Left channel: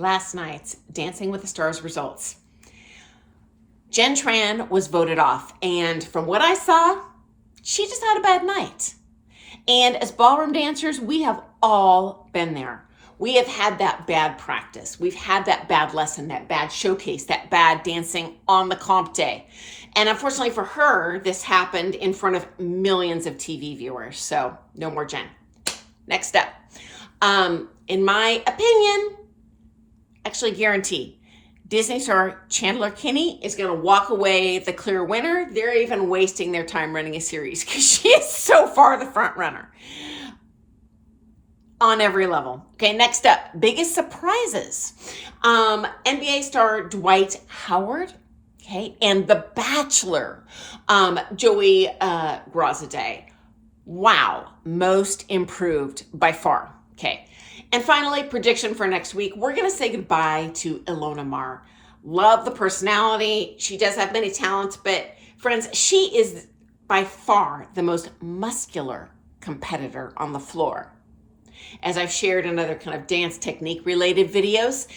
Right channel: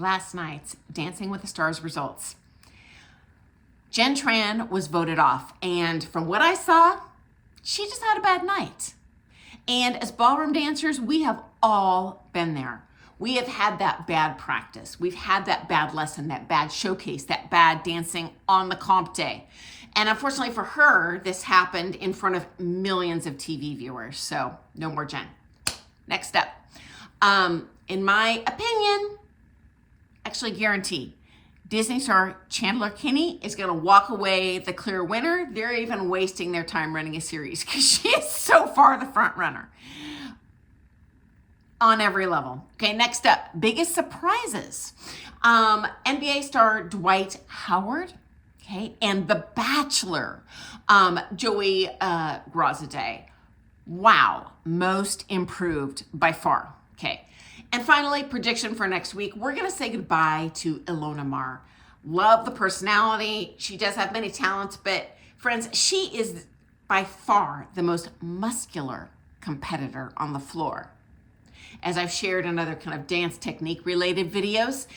last night's Dancing with the Stars results. Jen Tran was voted off, and from what I saw, she just had a bad night. And as ballroom dancers, we have all been there. We have had that bad practice. We've had that bad lesson, that bad showcase, that bad dancing on the comp day. And unfortunately for her, this happened in front of millions of TV viewers. So no more Jen. Next up. In my opinion, actually guarantee, Disney star Chandler Kinney is going to walk away the clear winner. They're even wasting their time running a series because she is so far the front runner on every level. Okay, next up, biggest surprises. NBA star Dwight Howard, okay, and The Bachelor, Joey Graziadei. Wow, most improved by far. Okay. And finally, prediction for next week. We're going to say goodbye to Ilona Maher. Love the personality. She does have many talents, but friends, she is by far the most muscular competitor on the floor. As I've shared in other kind of dance technique related videos,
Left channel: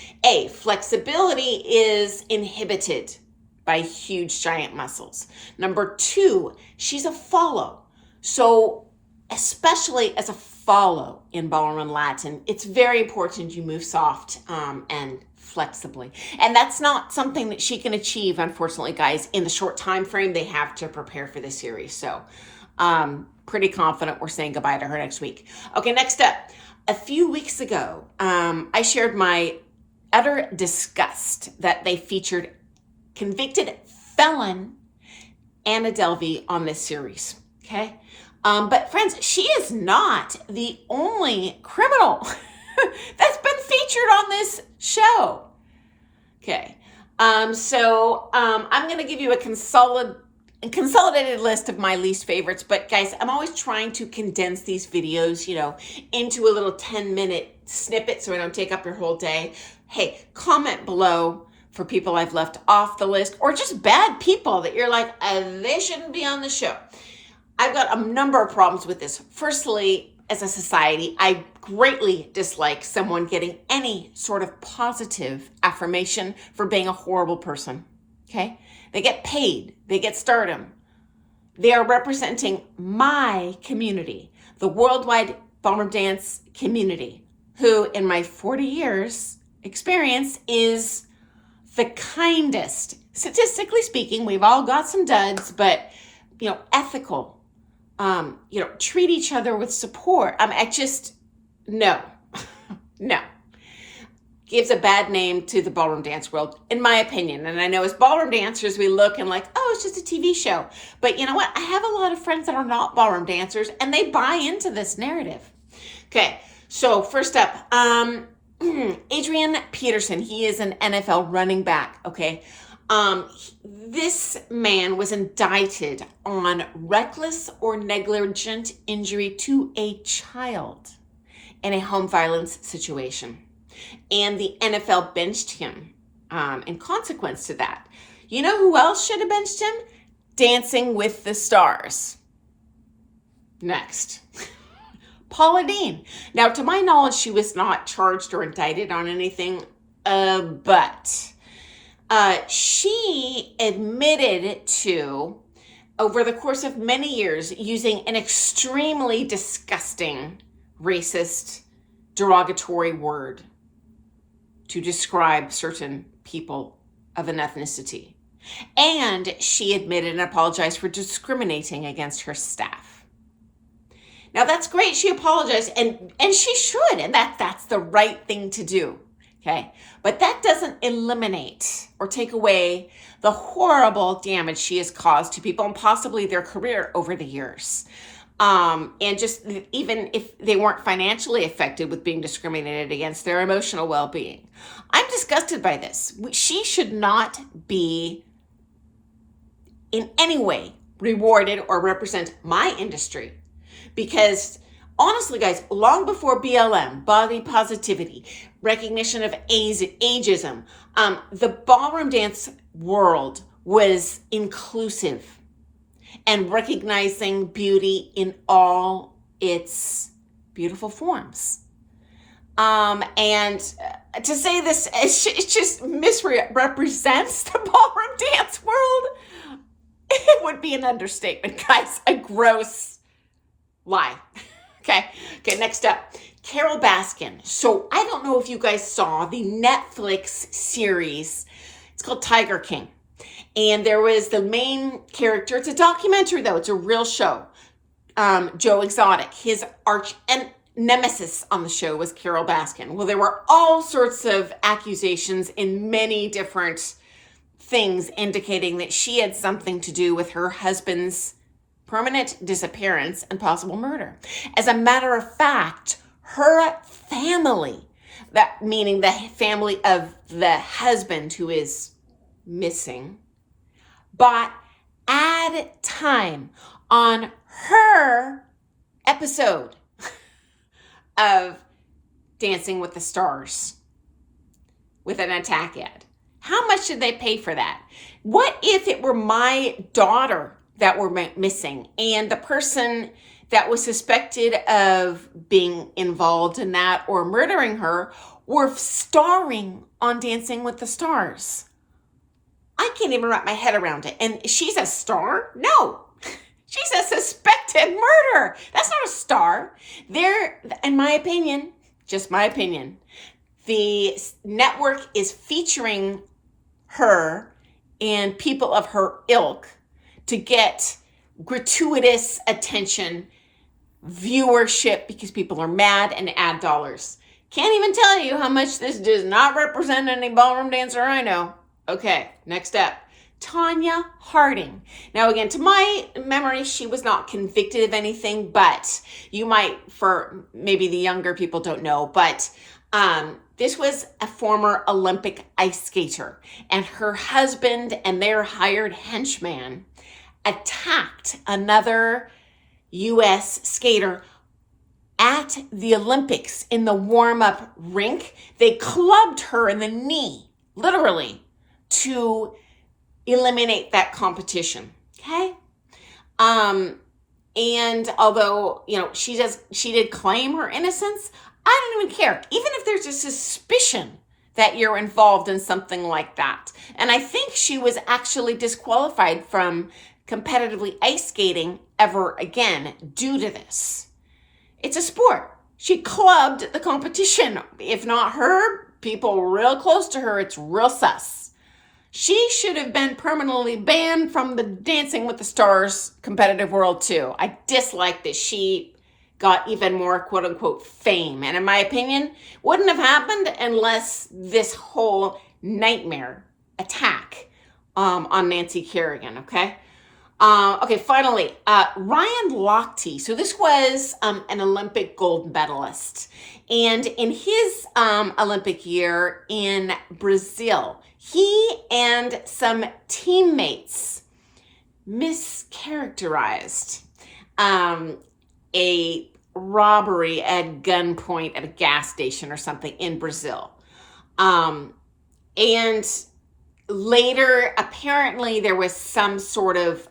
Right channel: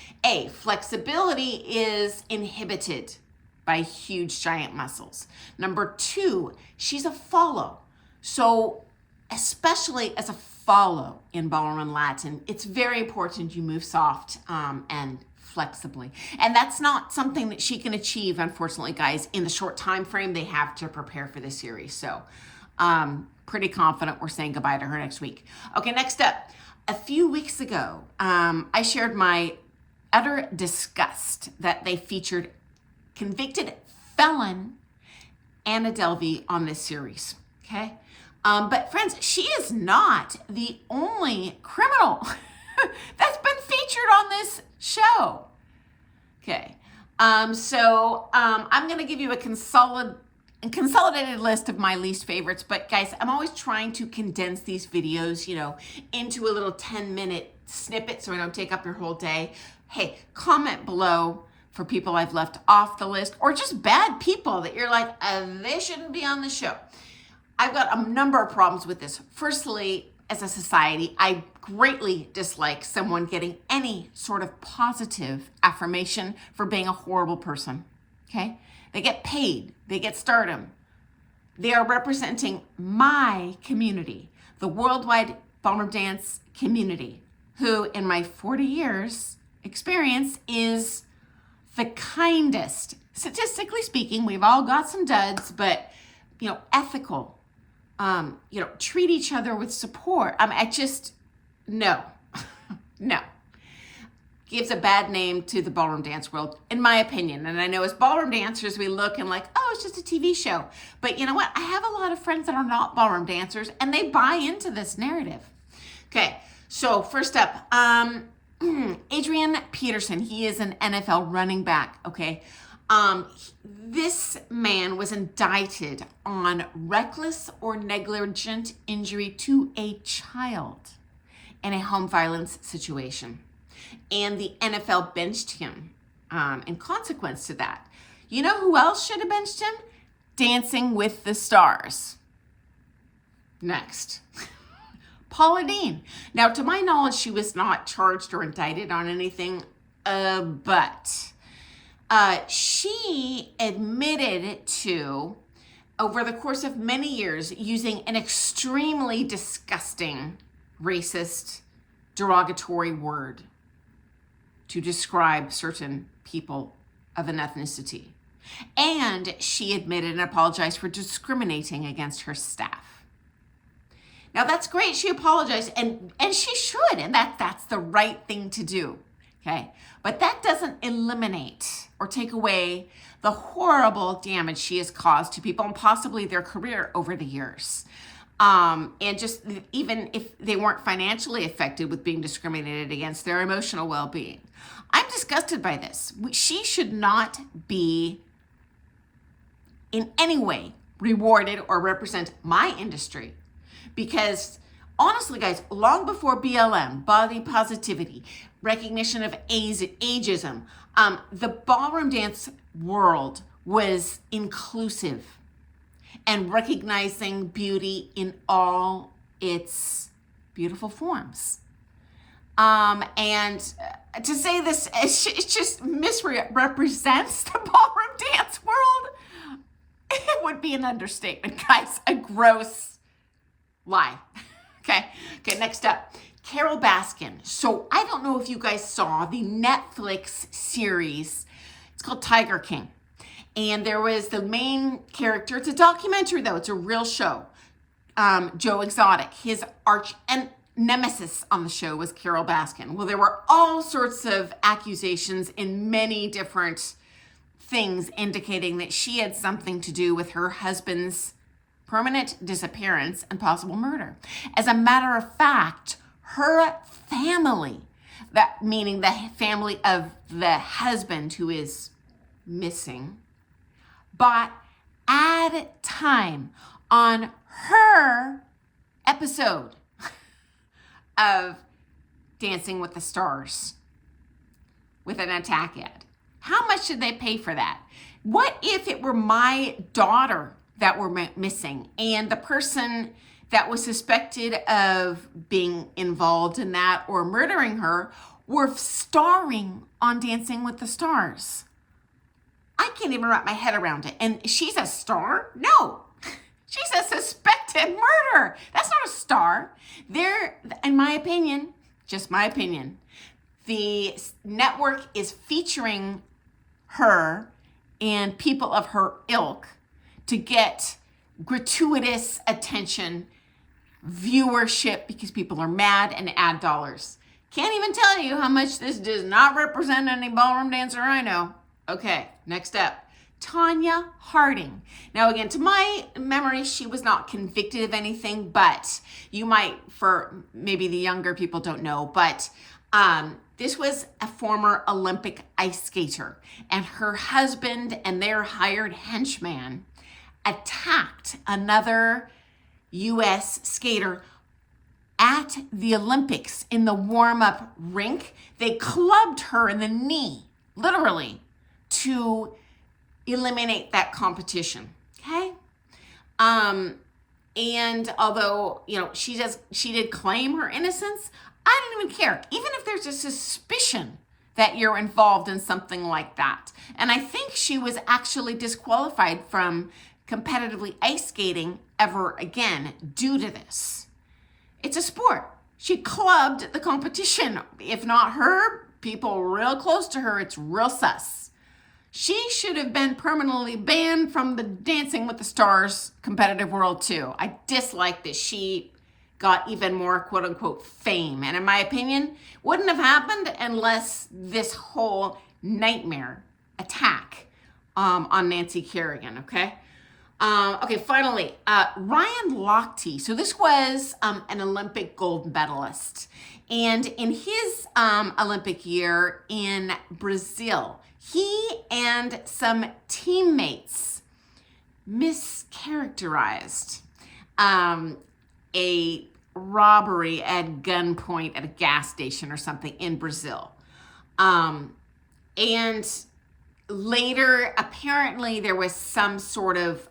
flexibility is inhibited by huge giant muscles. Number two, she's a follow. So especially as a follow in ballroom and Latin, it's very important you move soft and flexibly. And that's not something that she can achieve, unfortunately, guys, in the short time frame they have to prepare for the series. So pretty confident we're saying goodbye to her next week. Okay, next up. A few weeks ago, I shared my utter disgust that they featured convicted felon Anna Delvey on this series, okay? But friends, she is not the only criminal that's been featured on this show. Okay. So I'm going to give you a consolidated list of my least favorites. But guys, I'm always trying to condense these videos, into a little 10-minute snippet so I don't take up your whole day. Hey, comment below for people I've left off the list or just bad people that you're like, they shouldn't be on the show. I've got a number of problems with this. Firstly, as a society, I greatly dislike someone getting any sort of positive affirmation for being a horrible person, okay? They get paid, they get stardom. They are representing my community, the worldwide ballroom dance community, who in my 40 years experience is the kindest. Statistically speaking, we've all got some duds, but ethical, treat each other with support. I just, no. Gives a bad name to the ballroom dance world, in my opinion. And I know as ballroom dancers, we look and like, oh, it's just a TV show. But you know what? I have a lot of friends that are not ballroom dancers and they buy into this narrative. Okay, so first up, Adrian Peterson. He is an NFL running back, okay? This man was indicted on reckless or negligent injury to a child in a home violence situation. And the NFL benched him in consequence to that. You know who else should have benched him? Dancing with the Stars. Next. Paula Deen. Now, to my knowledge, she was not charged or indicted on anything, but she admitted to, over the course of many years, using an extremely disgusting, racist, derogatory word to describe certain people of an ethnicity. And she admitted and apologized for discriminating against her staff. Now that's great. She apologized and she should, and that's the right thing to do. Okay. But that doesn't eliminate or take away the horrible damage she has caused to people and possibly their career over the years. And just even if they weren't financially affected with being discriminated against, their emotional well-being. I'm disgusted by this. She should not be in any way rewarded or represent my industry. Because honestly, guys, long before BLM, body positivity, recognition of ageism, the ballroom dance world was inclusive and recognizing beauty in all its beautiful forms. And to say this, it just misrepresents the ballroom dance world. It would be an understatement, guys. A gross lie. Okay, next up, Carol Baskin. So I don't know if you guys saw the Netflix series. It's called Tiger King. And there was the main character. It's a documentary, though. It's a real show. Joe Exotic. His arch and nemesis on the show was Carol Baskin. Well, there were all sorts of accusations in many different things indicating that she had something to do with her husband's permanent disappearance and possible murder. As a matter of fact, her family, that meaning the family of the husband who is missing, bought ad time on her episode of Dancing with the Stars with an attack ad. How much did they pay for that? What if it were my daughter that were missing and the person that was suspected of being involved in that or murdering her were starring on Dancing with the Stars? I can't even wrap my head around it. And she's a star? No. She's a suspected murderer. That's not a star. There, in my opinion, just my opinion, the network is featuring her and people of her ilk to get gratuitous attention, viewership, because people are mad, and ad dollars. Can't even tell you how much this does not represent any ballroom dancer I know. Okay, next up, Tanya Harding. Now, again, to my memory, she was not convicted of anything, but you might, for maybe the younger people don't know, but this was a former Olympic ice skater, and her husband and their hired henchman attacked another U.S. skater at the Olympics in the warm-up rink. They clubbed her in the knee, literally, to eliminate that competition. Okay. And although, she did claim her innocence, I don't even care. Even if there's a suspicion that you're involved in something like that. And I think she was actually disqualified from competitively ice skating ever again due to this. It's a sport. She clubbed the competition. If not her, people real close to her, it's real sus. She should have been permanently banned from the Dancing with the Stars competitive world too. I dislike that she got even more quote unquote fame. And in my opinion, wouldn't have happened unless this whole nightmare attack on Nancy Kerrigan, okay? Finally, Ryan Lochte. So this was an Olympic gold medalist. And in his Olympic year in Brazil, he and some teammates mischaracterized a robbery at gunpoint at a gas station or something in Brazil. And later, apparently, there was some sort of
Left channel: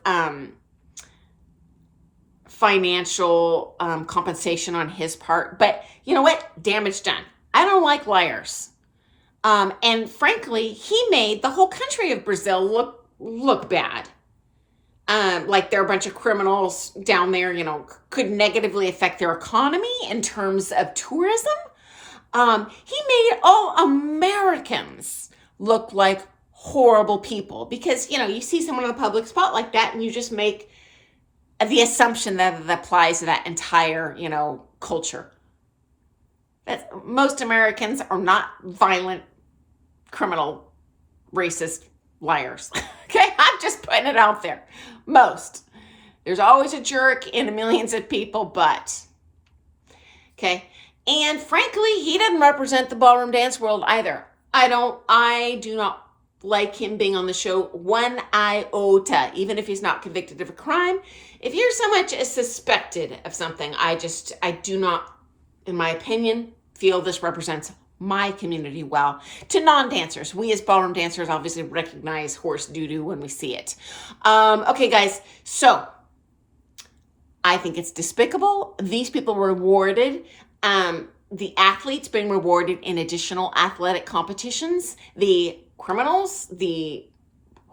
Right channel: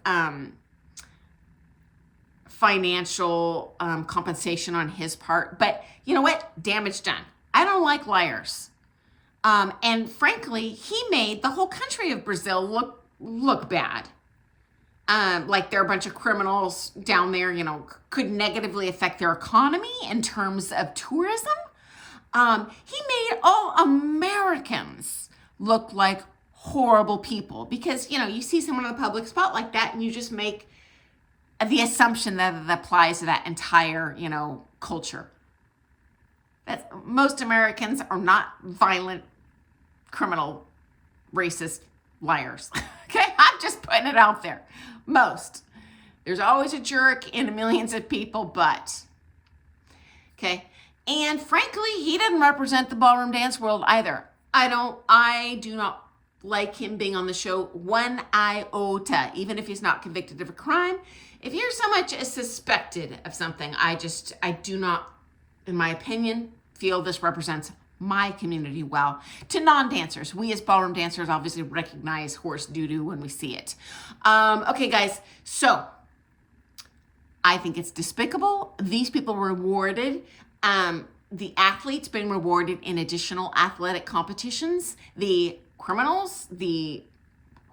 financial compensation on his part. But you know what? Damage done. I don't like liars. And frankly, he made the whole country of Brazil look bad. Like they're a bunch of criminals down there, could negatively affect their economy in terms of tourism. He made all Americans look like horrible people because, you see someone in the public spot like that and you just make the assumption that it applies to that entire, culture. That most Americans are not violent, criminal, racist liars. Okay, I'm just putting it out there. Most. There's always a jerk in millions of people, but. Okay. And frankly, he didn't represent the ballroom dance world either. I do not like him being on the show one iota, even if he's not convicted of a crime. If you're so much as suspected of something, I do not, in my opinion, feel this represents my community well. To non-dancers, we as ballroom dancers obviously recognize horse doo-doo when we see it. Okay, guys, so I think it's despicable. These people were rewarded the athletes being rewarded in additional athletic competitions, the criminals, the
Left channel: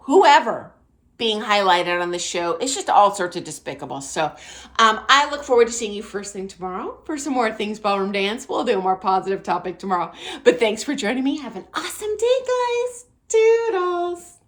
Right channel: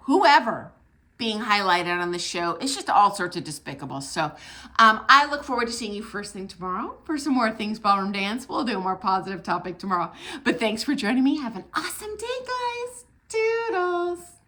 whoever being highlighted on the show. It's just all sorts of despicable. So I look forward to seeing you first thing tomorrow for some more Things Ballroom Dance. We'll do a more positive topic tomorrow. But thanks for joining me. Have an awesome day, guys. Doodles.